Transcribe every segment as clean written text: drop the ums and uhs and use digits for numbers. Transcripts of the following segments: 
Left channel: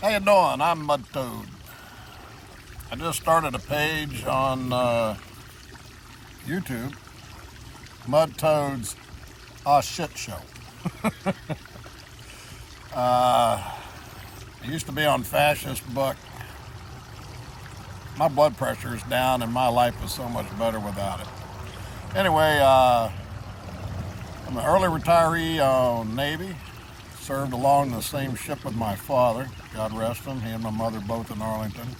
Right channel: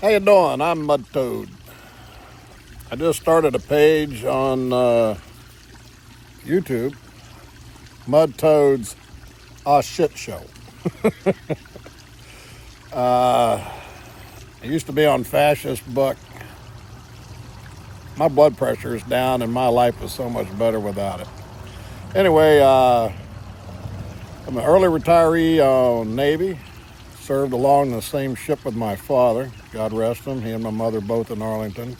How you doing? I'm Mud Toad. I just started a page on YouTube, Mud Toad's Aw Shit Show. I used to be on Fascist Buck. My blood pressure is down and my life is so much better without it. Anyway, I'm an early retiree on Navy. Served along the same ship with my father, God rest him. He and my mother both in Arlington.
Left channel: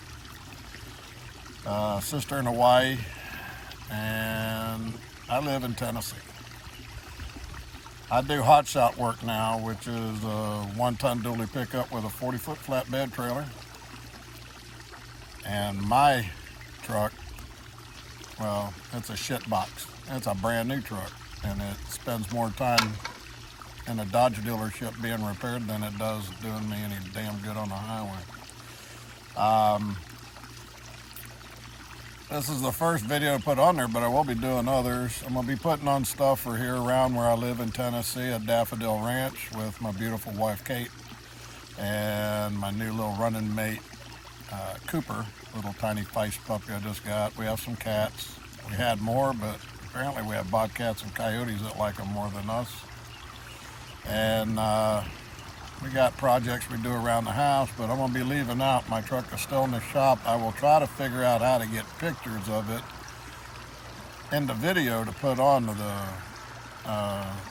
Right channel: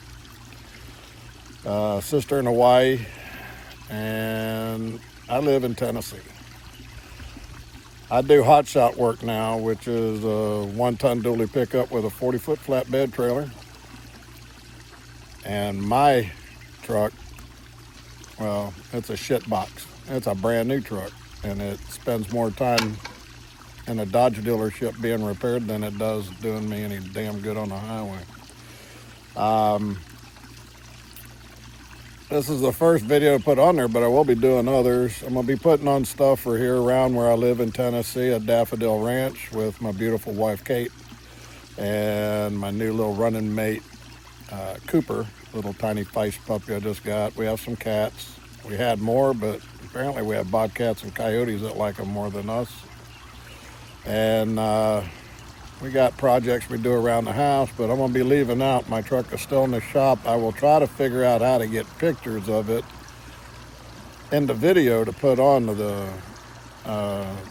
Sister in Hawaii, and I live in Tennessee. I do hotshot work now, which is a 1-ton dually pickup with a 40-foot flatbed trailer. And my truck, well, it's a shit box. It's a brand new truck, and it spends more time in a Dodge dealership being repaired than it does doing me any damn good on the highway. This is the first video to put on there, but I will be doing others. I'm going to be putting on stuff for here around where I live in Tennessee at Daffodil Ranch with my beautiful wife, Kate, and my new little running mate, Cooper, little tiny feist puppy I just got. We have some cats. We had more, but apparently we have bobcats and coyotes that like them more than us. And we got projects we do around the house, but I'm going to be leaving out. My truck is still in the shop. I will try to figure out how to get pictures of it in the video to put on to the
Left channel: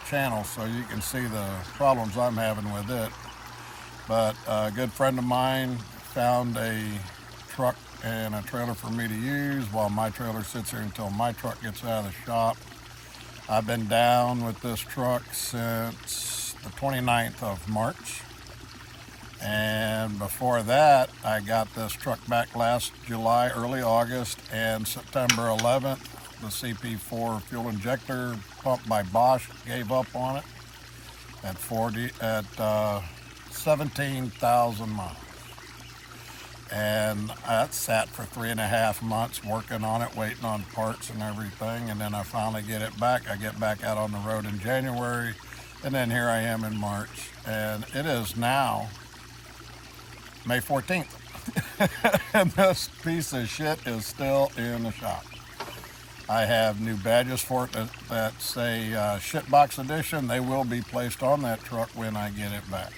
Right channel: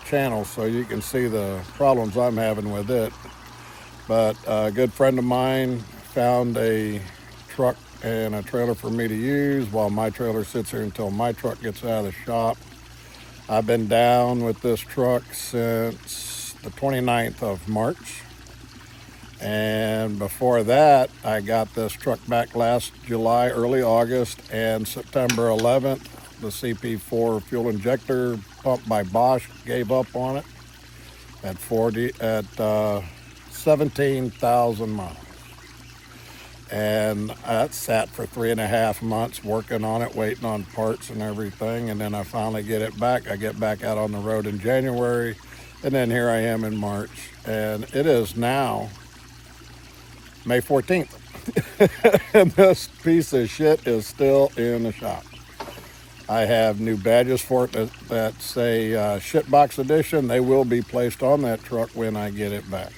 channel so you can see the problems I'm having with it. But a good friend of mine found a truck and a trailer for me to use while my trailer sits here until my truck gets out of the shop. I've been down with this truck since the 29th of March. And before that, I got this truck back last July, early August, and September 11th, the CP4 fuel injector pump by Bosch gave up on it at 17,000 miles. And that sat for 3.5 months working on it, waiting on parts and everything. And then I finally get it back. I get back out on the road in January. And then here I am in March. And it is now May 14th. And this piece of shit is still in the shop. I have new badges for it that say Shitbox Edition. They will be placed on that truck when I get it back.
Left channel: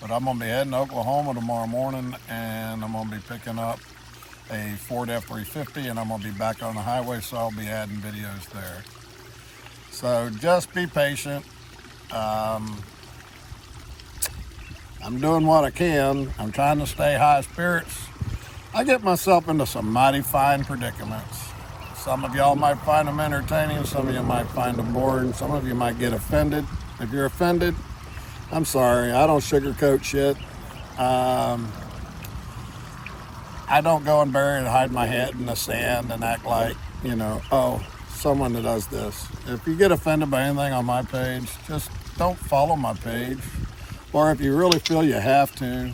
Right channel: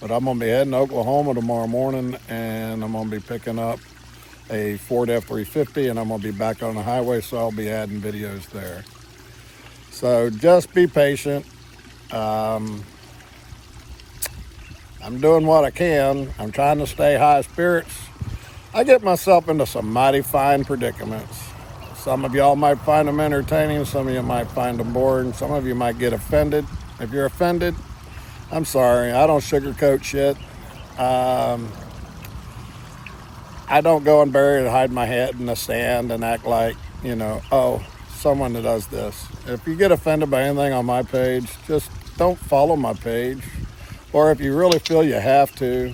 But I'm going to be heading to Oklahoma tomorrow morning, and I'm going to be picking up a Ford F-350, and I'm going to be back on the highway, so I'll be adding videos there. So just be patient. I'm doing what I can. I'm trying to stay high spirits. I get myself into some mighty fine predicaments. Some of y'all might find them entertaining. Some of you might find them boring. Some of you might get offended. If you're offended, I'm sorry. I don't sugarcoat shit. I don't go and bury and hide my head in the sand and act like, oh, someone that does this. If you get offended by anything on my page, just don't follow my page. Or if you really feel you have to,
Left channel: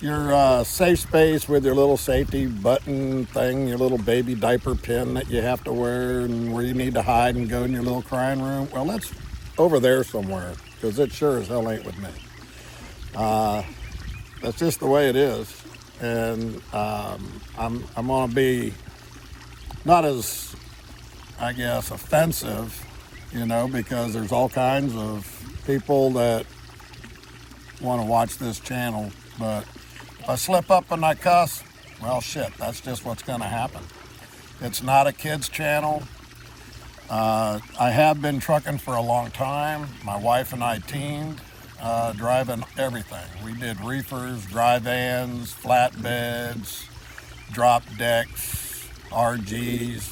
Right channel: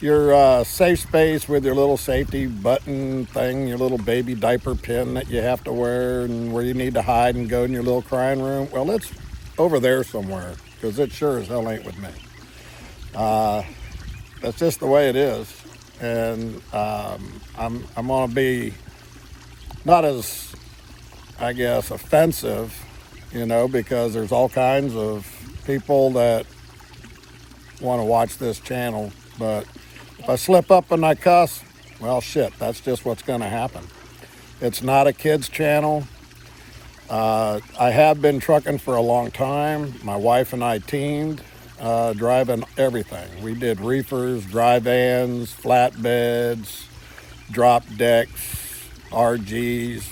your safe space with your little safety button thing, your little baby diaper pin that you have to wear and where you need to hide and go in your little crying room, well, it's over there somewhere, because it sure as hell ain't with me. That's just the way it is. And I'm going to be not as, I guess, offensive, because there's all kinds of people that want to watch this channel. But if I slip up and I cuss, well, shit, that's just what's going to happen. It's not a kid's channel. I have been trucking for a long time. My wife and I teamed, driving everything. We did reefers, dry vans, flatbeds, drop decks, RGs,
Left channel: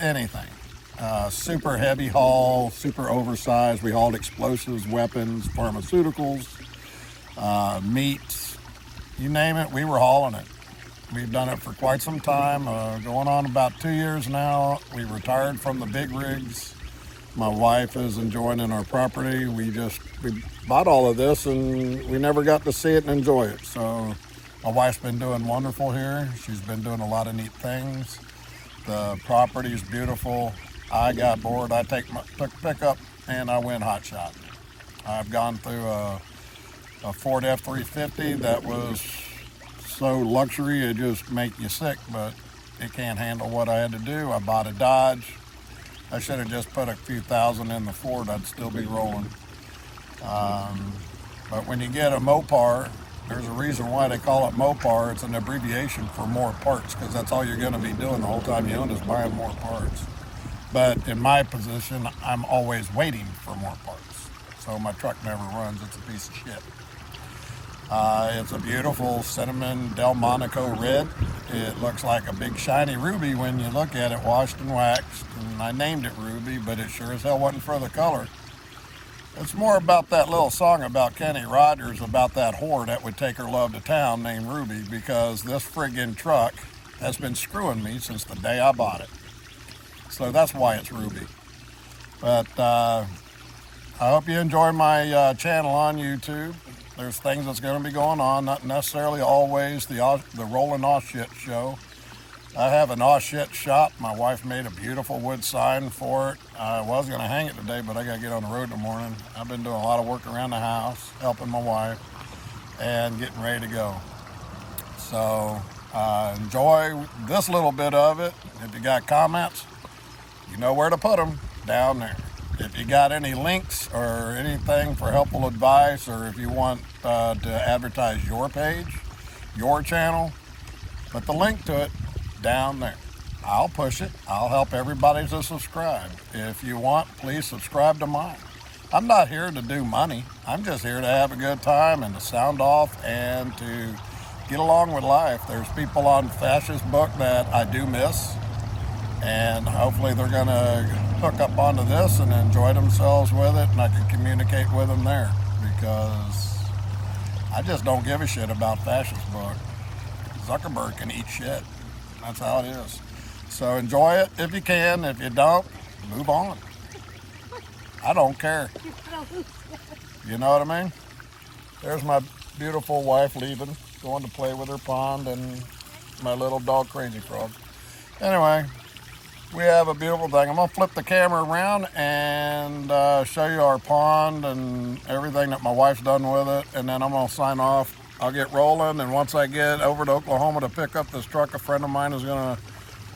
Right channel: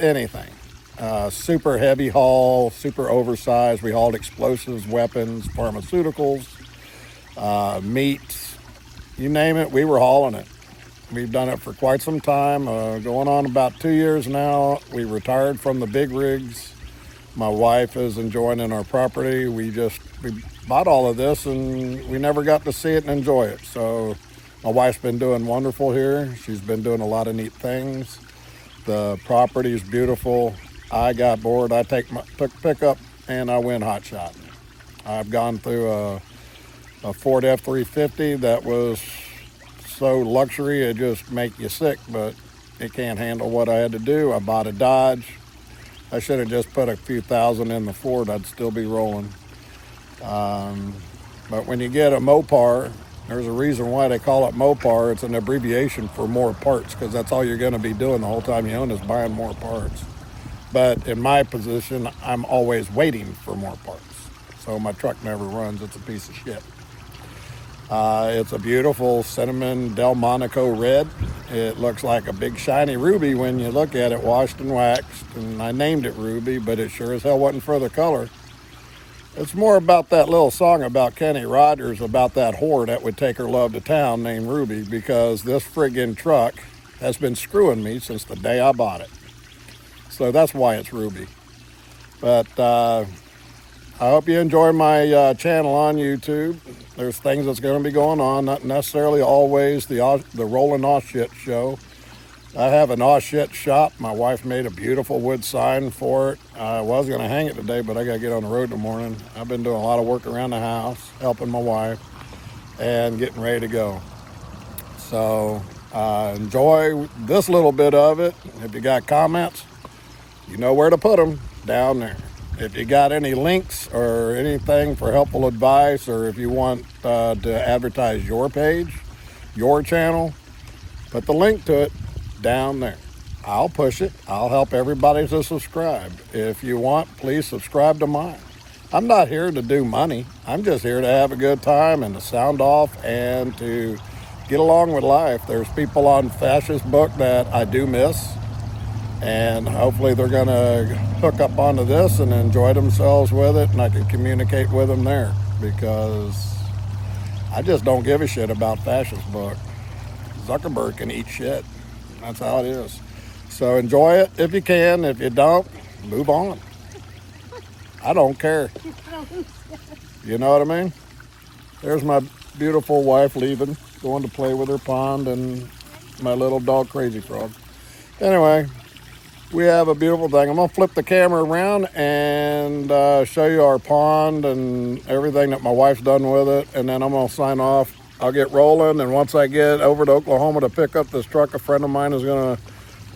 anything. Super heavy haul, super oversized. We hauled explosives, weapons, pharmaceuticals, meats, you name it, we were hauling it. We've done it for quite some time, going on about 2 years now. We retired from the big rigs. My wife is enjoying in our property. We bought all of this and we never got to see it and enjoy it. So my wife's been doing wonderful here. She's been doing a lot of neat things. The property is beautiful. I got bored. I took pickup and I went hot shot. I've gone through a Ford F-350 that was so luxury it just make you sick, but it can't handle what I had to do. I bought a Dodge. I should have just put a few thousand in the Ford. I'd still be rolling. But when you get a Mopar, there's a reason why they call it Mopar. It's an abbreviation for more parts, because that's all you're going to be doing the whole time you own is buying more parts. But in my position, I'm always waiting for more parts. So my truck never runs. It's a piece of shit. It's a beautiful cinnamon Delmonico red. It looks like a big shiny ruby when you look at it, washed and waxed. And I named it Ruby, but it sure as hell wasn't for the color. It's more about that little song about Kenny Rogers, about that whore that would take her love to town named Ruby, because this friggin' truck has been screwing me since the day I bought it. So that's why it's Ruby. But I hope you enjoy my channel on YouTube. There's things that's going to be going on, not necessarily always the Rolling Aw Shit show. I have an Aw Shit shop. My wife made a beautiful wood sign for it. I was going to hang it today, but I got to get on the road in the morning. I've been doing a lot of work around the house, helping my wife, and getting ready to go. So enjoy this little bit of it. If you got comments, you know where to put them, down there. If you got any links or anything for helpful advice, or if you want to advertise your page, your channel, put the link to it down there. I'll push it. I'll help everybody to subscribe. If you want, please subscribe to mine. I'm not here to do money. I'm just here to have a good time and to sound off and to get along with life. There's people on Fascist Book that I do miss, and hopefully they're going to hook up onto this and enjoy themselves with it, and I can communicate with them there, because I just don't give a shit about Fascist Book. Zuckerberg can eat shit. That's how it is. So enjoy it if you can. If you don't, move on. I don't care. You know what I mean? There's my beautiful wife leaving, going to play with her pond, and my little dog Crazy Frog. Anyway, we have a beautiful thing. I'm going to flip the camera around and show you our pond and everything that my wife's done with it, and then I'm going to sign off. I'll get rolling, and once I get over to Oklahoma to pick up this truck a friend of mine is going to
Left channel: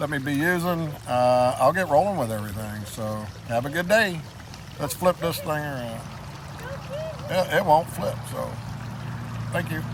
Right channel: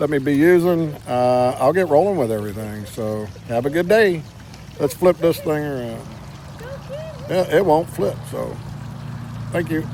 let me be using, I'll get rolling with everything. So have a good day. Let's flip this thing around. Yeah, it won't flip, so thank you.